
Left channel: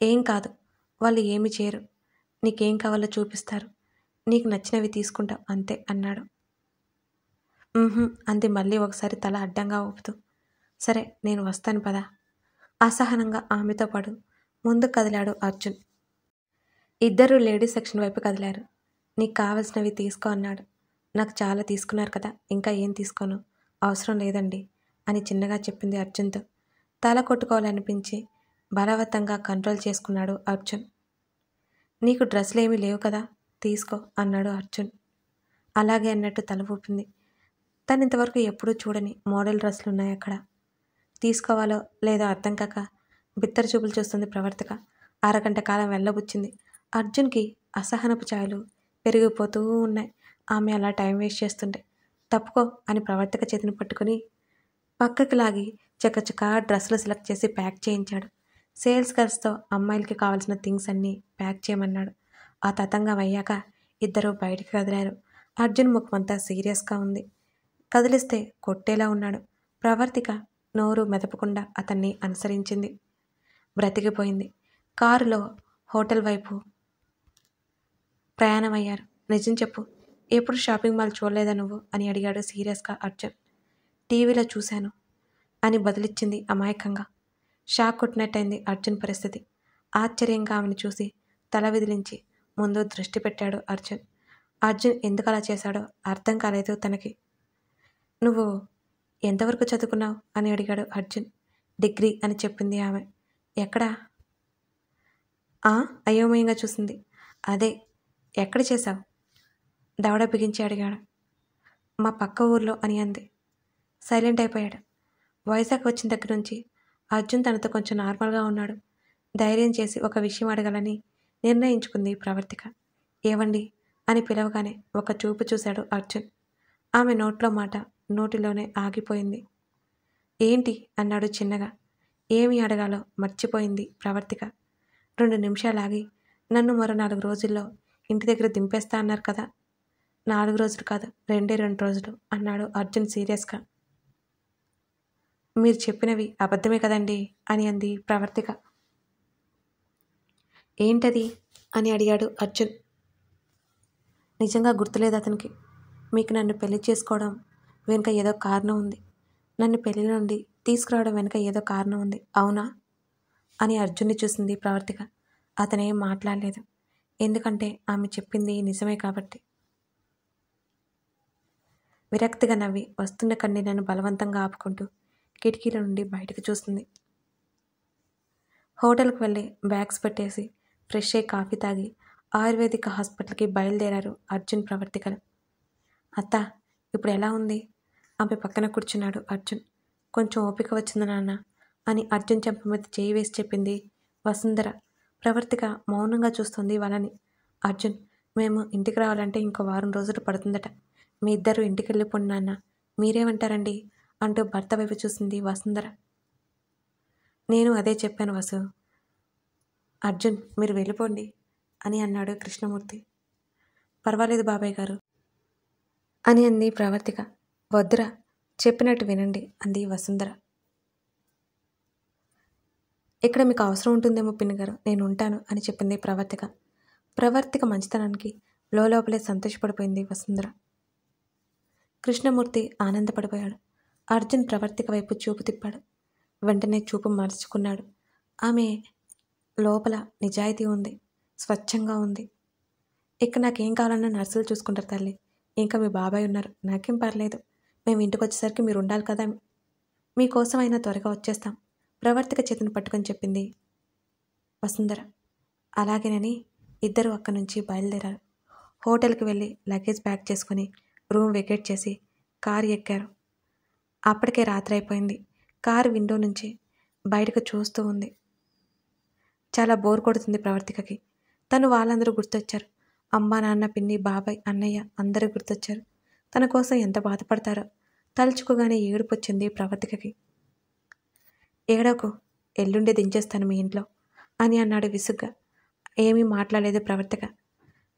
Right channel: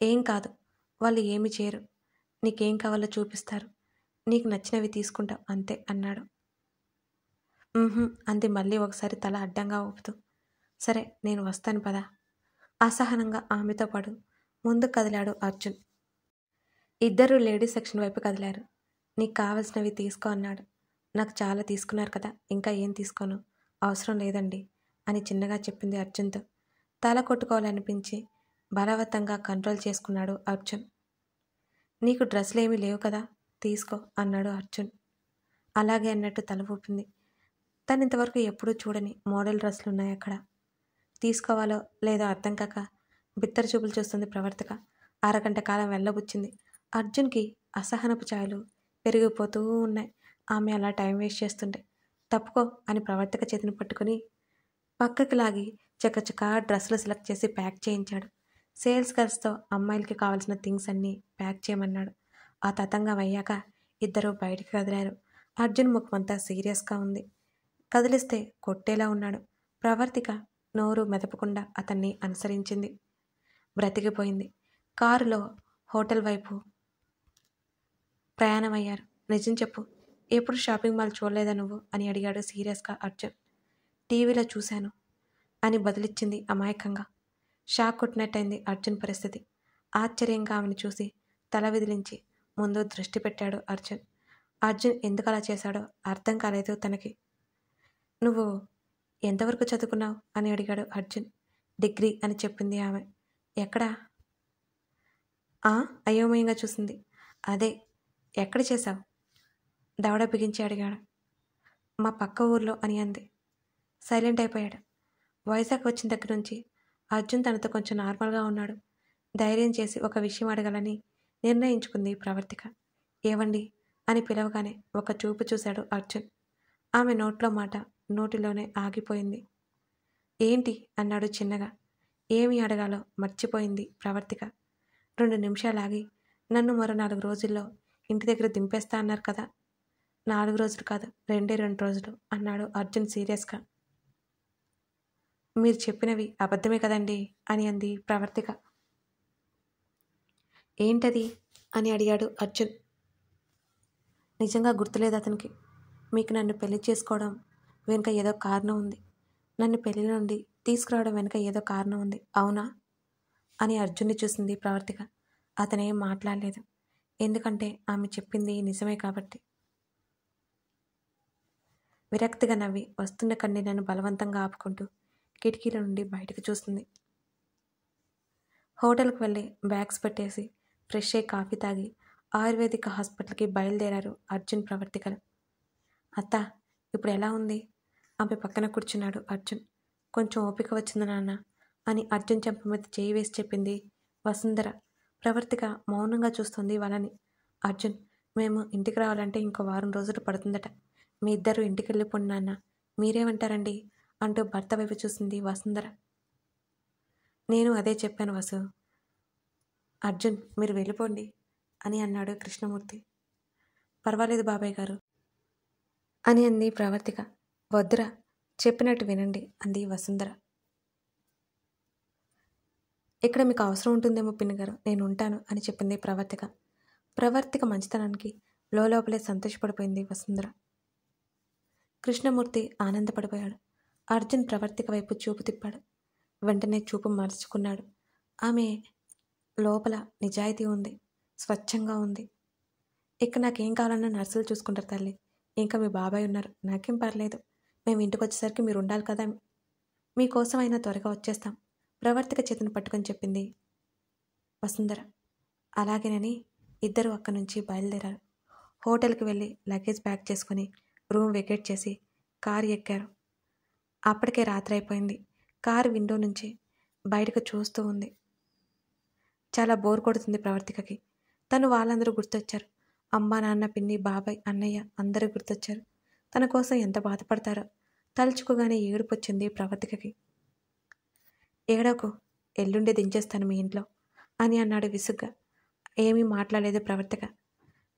ఏం కాదు, వాళ్ళు ఏమి చేయరు. నీకేం కావాలో చూపిస్తారు, నీకు నచ్చినవి తీసుకుంటావు అంతే అన్నాడు. అంది మళ్ళీ ఒకసారి తల అడ్డంగా ఊపుతూ. సరే, నేను వస్తాను పదా. అసహనంగా ఆమెతో పాటు ముందుకు కదిలాడు అర్జున్. ఇద్దరూ లేడీస్ సెక్షన్ వైపు కదిలారు. నీకు కావలసినవి తీసుకో అన్నాడు. నాకు చాలా తీసుకున్నారు కదా, ఇంకా ఏం తీసుకోను, అవసరం లేదండి అని చిన్నగా చెప్పింది అర్జున్తో. తల కొట్టుకోవాలనిపించి బలవంతంగా కంట్రోల్ చేసుకున్నాడు అర్జున్. నీకు డ్రెస్సులు ఏమీ లేవు కదా, తీసుకో అన్నాడు అర్జున్. అలాగే అన్నట్టు తల ఊపింది. తను ఇంతవరకు ఎప్పుడూ చూడని మోడల్ డ్రెస్సులు ఉన్నాయి అక్కడ. తీసుకోవాలో లేదో అర్థం కాక బిత్తర చూపులు చూస్తుంది ప్రవర్తిక. అరగంట కాలం వెళ్ళబుచ్చింది. అర్జున్కి అసహనపు ఛాయలు పెరిగిపోతూ ఉన్నాయి. ఆమె అలా టైం వేస్ట్ చేస్తుండే. తప్పుకో అని ప్రవర్తిక చేతిని పట్టుకుని పక్కకి లాగి చకచకా డ్రెస్సులు సెలెక్ట్ చేసి ప్యాక్ చేయించాడు. సేల్స్ గర్ల్స్తో అమ్మాయిలకి కావాల్సిన థింగ్స్ అన్నీ ప్యాక్ చేయమన్నాడు. ఆ తతంగం అయ్యాక ఇద్దరు బయటికి కదిలారు. అర్జున్ ముఖమంతా సీరియస్గా ఉంది. కదిలిస్తే కొట్టేలా ఉన్నాడు. ప్రవర్తిక నోరు మెదపకుండా అతన్ని అనుసరించింది. బ్రతికిపోయింది. కారులో హోటల్ వైపు ప్రయాణమయ్యారు. నిజం చెప్పు, ఎప్పుడు షాపింగ్ మాల్ చూడలేదా నువ్వు అని అడిగాడు సీరియస్గా అర్జున్. టీవీలో చూశాను అని బదులిచ్చింది అమాయకంగా. షాక్ కొట్టినట్టయింది అర్జున్ పరిస్థితి. ఆశ్చర్యంగా ఆమెను చూసి తల విదిలించి ముందు దృష్టి పెట్టాడు అర్జున్. అర్జున్ ఎందుకు అలా చేశాడో అర్థం కాలేదు తనకి. నువ్వు ఎంతవరకు చదువుకున్నావు అని అడిగాడు అర్జున్. డిగ్రీ అని చెప్పింది ఆమె. ఎక్కడా? అయోమయంగా చూసింది. అదే, ఎక్కడ చేశావు? దవడ బిగించి అడిగాడు. మా పక్క ఊర్లో అని అంది. సైలెంట్ అయిపోయాడు. వైజాగ్ వచ్చిన దగ్గర నుంచి అర్జున్ తనతో కొంచెం నార్మల్గా ఉన్నాడు. ధైర్యం చేసి ఒక విషయం అడగాలని నిర్ణయించుకుంది ప్రవర్తిక. ఏవండి అని పిలవగానే ఒక చూపు చూశాడు అర్జున్. ఆమె నోట్లో మాట నోటిలోనే ఆగిపోయింది. ఏంటి అన్నాడు చిన్నగా. ఏమి అడగాలో మర్చిపోయింది ప్రవర్తిక. 2 నిమిషాలాగి, నన్ను మరో 4 రోజుల్లో ఇంటి దగ్గర దింపేస్తా అన్నారు కదా. 4 రోజులు కాదు, 2 రోజులు అన్నాడు అర్జున్ సీరియస్గా. మీరు చెప్పినవి అబద్ధమే కదండి అని అంది ప్రవర్తిక. ఏంటది అని అడిగాడు అర్జున్. నిజంగా గుర్తులేదు అతనికి. మీకు నన్ను పెళ్లి చేసుకోవడం వెనుక ఏదో కారణం ఉంది. నన్ను పెళ్లి నుండి తీసుకురావడం వెనుక ఏదో కారణం ఉంది, అవునా అని అర్జున్ని చూసింది ప్రవర్తిక. అతనేం మాట్లాడలేదు, ఎందుకంటే ఆమె చెప్పింది నిజమే కాబట్టి. విరక్తిగా నవ్వి వస్తున్న కన్నీళ్లను బలవంతంగా ఆపుకుంటూ కిటికీల నుండి బయటకు చూస్తుంది. హోటల్కి వెళ్ళి బ్యాగ్స్ పెట్టేసి ఫ్రెష్ అయ్యి కాఫీ తాగి ఆయుర్వేదిక్ హాస్పిటల్కి బయలుదేరారు అర్జున్ ప్రవర్తికలు. అత్త, ఇప్పుడు ఎలా ఉంది? ఆమె పక్కన కూర్చున్నాడు అర్జున్. కొంచెం ఓపిక వచ్చింది నాన్న అని అర్జున్ చెంప మీద చేయి వేసి చెప్పింది వసుంధర. ప్రవర్తిక మౌనంగా చూస్తుంది వాళ్ళని. అర్జున్, మేము ఇంటికి రావాలంటే ఇంకో 1 వారం రోజులు పడుతుందట. మీ ఇద్దరు ఇంటికి వెళ్ళిపోండి నాన్న, మీరేమంటారండి అంటూ భర్త వైపు చూసింది వసుంధర. నేను అదే చెప్పాను వసు. అర్జున్, మీరు వెళ్ళిపోండి అని అన్నాడు కృష్ణమూర్తి. పర్వాలేదు బాబాయ్ గారు అని అంది ప్రవర్తిక. వద్దురా, చెప్పినట్టు వినండి అంది వసుంధర. ఇక్కడ మీకు అవసరం ఉంటుందేమో పిన్ని గారు, నేను ఉంటాను అని చెప్పింది ప్రవర్తిక. ప్రవర్తిక మంచితనానికి లోపలే సంతోషపడిపోయింది వసుంధర. కృష్ణమూర్తి ఆనందపడిపోయాడు. అర్జున్ ప్రవర్తిక వైపు చూపు తిప్పాడు. వెంటనే చూపు మార్చుకున్నాడు. ఆమె లోపల నిజాయితీ ఉంది, స్వచ్ఛంగా ఉంది. ఇక నాకేం కావాలన్నా నర్సులు చూసుకుంటారు తల్లి. ఇంకా మీ బాబాయ్ ఉన్నారు, నాకేం పర్లేదు. మేము ఇంటికి వచ్చేసరికి మీరు ఉండాలి కదా, మీకోసం అయినా త్వరగా వచ్చేస్తాం ప్రవర్తిక చేతిని పట్టుకొని చెప్పింది వసుంధర. అలాగేనని ఇద్దరు అక్కడి నుంచి బయలుదేరారు. హోటల్కి వెళ్ళి లగేజ్ ప్యాక్ చేసుకుని రూమ్ వెకేట్ చేసి కారు ఎక్కారు. అప్పటికే రాత్రి అయిపోయింది. కారు విండో నుంచి బయటకు చూస్తూ ఉంది. చాలా బోర్ కొడుతుంది ప్రవర్తికకి. తను వాళ్ళందరూ గుర్తొచ్చారు. అమ్మ, నాన్న, పిన్ని, బాబాయ్, అన్నయ్య అందరూ గుర్తొచ్చారు. తన కోసం ఎంత బాధపడతారో తలుచుకోగానే ఏడుపు వచ్చింది ప్రవర్తికకి. ఏడవకు, ఎల్లుండే దించేస్తాను మీ ఇంట్లో అని అన్నాడు విసుగ్గా. ఏమీ మాట్లాడలేదు ప్రవర్తిక.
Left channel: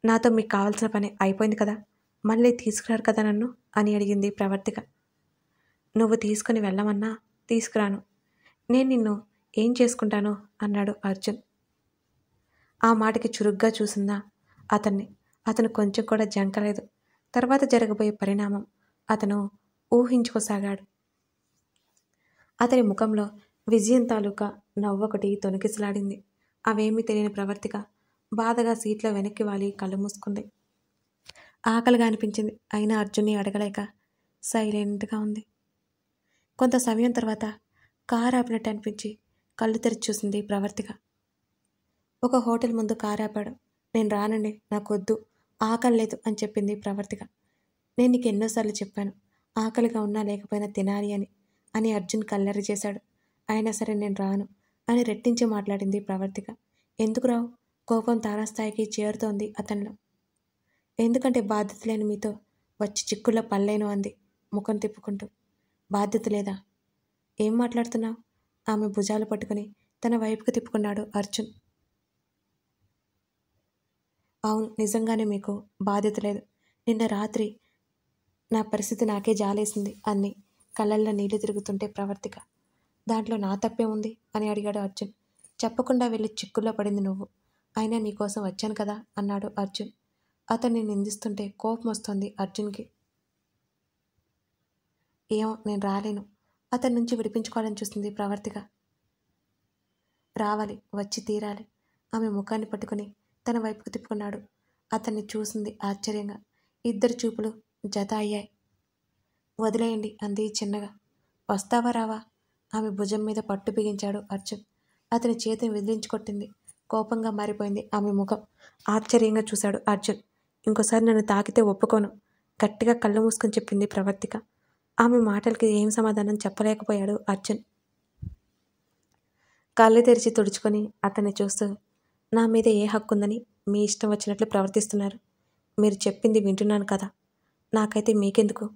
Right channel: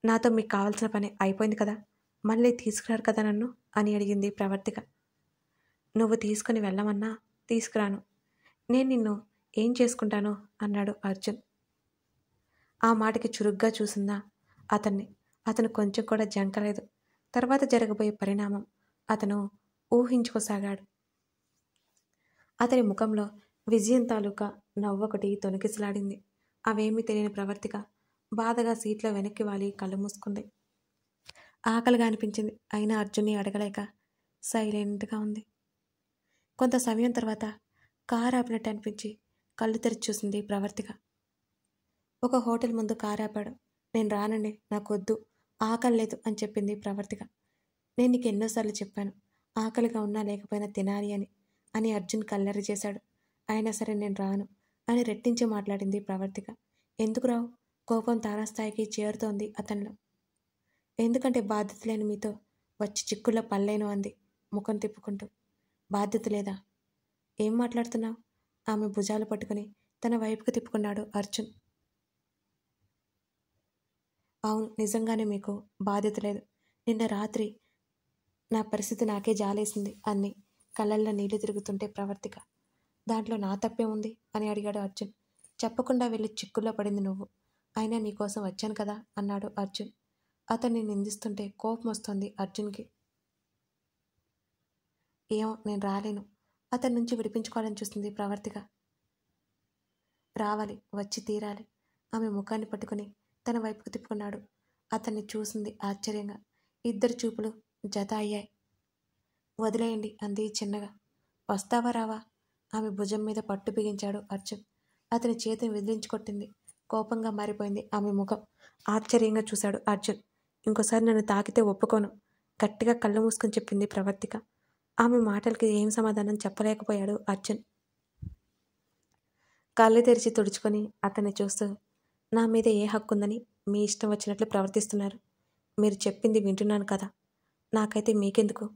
నాతో మీకు కావాల్సిన పని అయిపోయింది కదా, మళ్ళీ తీసుకురారు కదా నన్ను అని అడిగింది ప్రవర్తిక. నువ్వు తీసుకుని వెళ్ళమన్నా తీసుకురాను. నేను నిన్ను ఏం చేసుకుంటాను అన్నాడు అర్జున్. ఆ మాటకి చురుగ్గా చూసిందా అతన్ని. అతను కొంచెం కూడా జంకలేదు. తర్వాత జరగబోయే పరిణామం అతను ఊహించుకోసాగాడు. అతని ముఖంలో విజయం తాలూకా నవ్వొకటి తొణికిసలాడింది. అవేమీ తెలియని ప్రవర్తిక బాధగా సీట్లో వెనక్కి వాలి కళ్ళు మూసుకుంది. ఆకలిగా అనిపించింది. అయినా అర్జున్ని అడగలేక సైలెంట్గా ఉంది. కొంత సమయం తర్వాత కారు ఆపినట్టు అనిపించి కళ్ళు తెరిచి చూసింది ప్రవర్తిక. ఒక హోటల్ ముందు కారు ఆపాడు. నేను రానండి, నాకు వద్దు, ఆకలి లేదు అని చెప్పింది ప్రవర్తిక. నేను నీకు ఎన్నోసార్లు చెప్పాను, ఆకలిగా ఉన్నా లేకపోయినా తినాలి అని అర్జున్ కల్లరి చేశాడు. అయినా సరే నేను రాను అని రెట్టించి మాట్లాడింది ప్రవర్తిక. ఎందుకు రావు? కోపం తారాస్థాయికి చేరుతోంది అతనిలో. ఎందుకంటే బాధ్యత లేని మీతో వచ్చి చిక్కుల్లో పల్లేను అంది ముఖం తిప్పుకుంటూ. బాధ్యత లేదా? ఏం మాట్లాడుతున్నావు? ఆమె భుజాలు పట్టుకుని తన వైపుకు తిప్పుకున్నాడు అర్జున్. అవును, నిజంగానే మీకు బాధ్యత లేదు. నిన్న రాత్రి నా పరిస్థితి నాకే జాలేసింది అంది కళ్ళల్లో నీళ్లు తిరుగుతుంటే ప్రవర్తిక. దాంట్లో నా తప్పే ఉంది అని అడిగాడు అర్జున్. చెప్పకుండా వెళ్ళి చిక్కుల్లో పడింది నువ్వు. అయినా నీకోసం వచ్చాను కదా అన్నాడు అర్జున్. అతన్ని నిందిస్తుంటే కోపం వస్తుంది అర్జున్కి. ఏమో, నేను రాలేను. అతని నుంచి విడిపించుకోవాలని చూస్తుంది ప్రవర్తిక. రావాలి, వచ్చి తీరాలి. ఆమె ముఖాన్ని పట్టుకుని తన వైపుకు తిప్పుకున్నాడు. అతన్ని చూసింది ఆశ్చర్యంగా. ఇద్దరు చూపులు జత అయ్యాయి. వదిలేయండి అంది చిన్నగా. వస్తావా రావా? ఆమె భుజం మీద పట్టు బిగించాడు అర్జున్. అతని చేతిని విదిలించుకొట్టింది. కోపంగా మారిపోయింది ఆమె ముఖం. ఆశ్చర్యంగా చూశాడు అర్జున్. ఇంకోసారి నన్ను తాకితే ఒప్పుకోను గట్టిగా కళ్ళు మూసుకొని చెప్పింది ప్రవర్తిక. ఆమె మాటలకి ఏం సమాధానం చెప్పలేకపోయాడు అర్జున్. కళ్ళు తెరిచి తుడుచుకొని అతన్ని చూస్తూ, నా మీద ఏ హక్కు ఉందని మీ ఇష్టం వచ్చినట్లు ప్రవర్తిస్తున్నారు? మీరు చెప్పింది వింటున్నాను కదా, నాకైతే మీకెందుకు?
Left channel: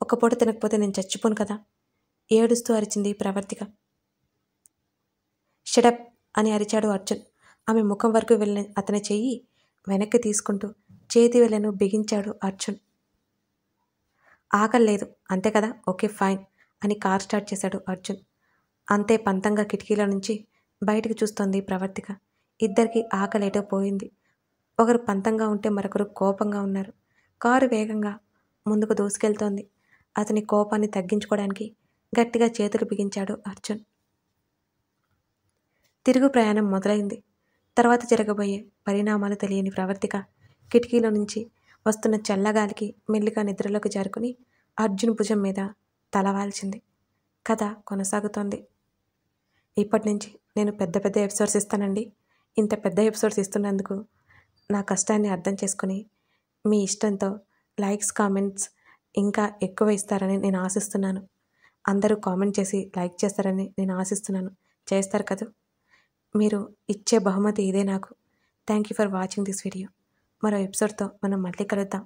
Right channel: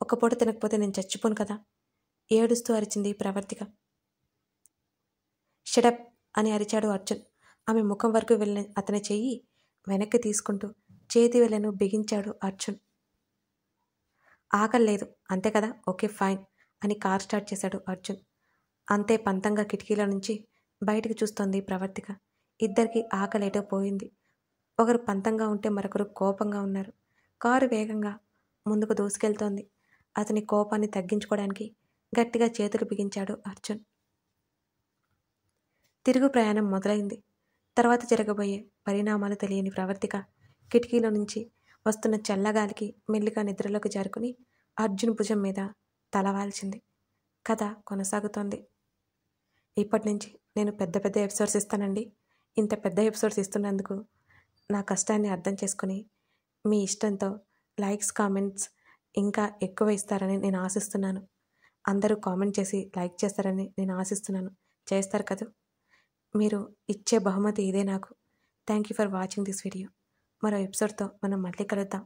ఒక పూట తినకపోతే నేను చచ్చిపోను కదా ఏడుస్తూ అరిచింది ప్రవర్తిక. షడప్ అని అరిచాడు అర్జున్. ఆమె ముఖం వరకు వెళ్ళిన అతని చెయ్యి వెనక్కి తీసుకుంటూ చేతి వేళ్లను బిగించాడు అర్జున్. ఆకలేదు అంతే కదా, ఓకే ఫైన్ అని కార్ స్టార్ట్ చేశాడు అర్జున్. అంతే పంతంగా కిటికీల నుంచి బయటికి చూస్తోంది ప్రవర్తిక. ఇద్దరికి ఆకలేటో పోయింది. ఒకరు పంతంగా ఉంటే మరొకరు కోపంగా ఉన్నారు. కారు వేగంగా ముందుకు దూసుకెళ్తోంది. అతని కోపాన్ని తగ్గించుకోవడానికి గట్టిగా చేతులు బిగించాడు అర్జున్. తిరుగు ప్రయాణం మొదలైంది. తర్వాత జరగబోయే పరిణామాలు తెలియని ప్రవర్తిక కిటికీలో నుంచి వస్తున్న చల్లగాలికి మెల్లిగా నిద్రలోకి జారుకుని అర్జున్ భుజం మీద తలవాల్చింది. కథ కొనసాగుతోంది. ఇప్పటి నుంచి నేను పెద్ద పెద్ద ఎపిసోడ్స్ ఇస్తానండి. ఇంత పెద్ద ఎపిసోడ్స్ ఇస్తున్నందుకు నా కష్టాన్ని అర్థం చేసుకుని మీ ఇష్టంతో లైక్స్, కామెంట్స్ ఇంకా ఎక్కువ ఇస్తారని నేను ఆశిస్తున్నాను. అందరూ కామెంట్ చేసి లైక్ చేస్తారని నేను ఆశిస్తున్నాను. చేస్తారు కదా? మీరు ఇచ్చే బహుమతి ఇదే నాకు. Thank you for watching this video. మరో ఎపిసోడ్తో మనం మళ్ళీ కలుద్దాం.